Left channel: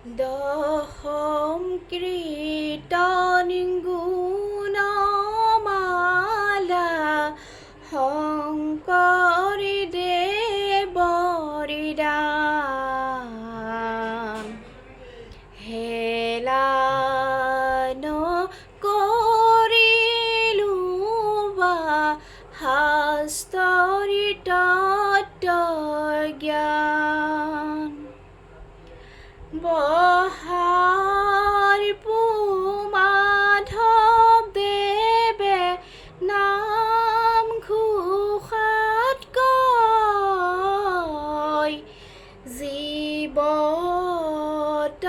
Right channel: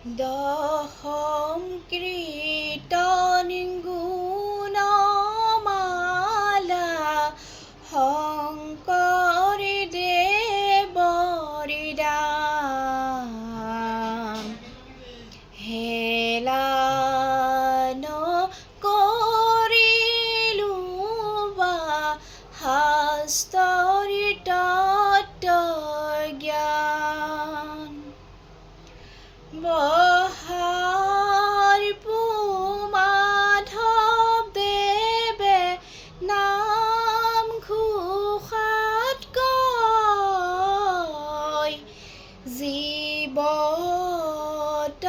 দশম কীৰ্তন গুণমালা শংকৰী দেৱৰ দান। হেলা নকৰিলো বা শাস্ত্ৰৰ তত্ত্বজ্ঞান। বহাৰ মাধৱদেৱে নামঘোষাত কয়, জীৱত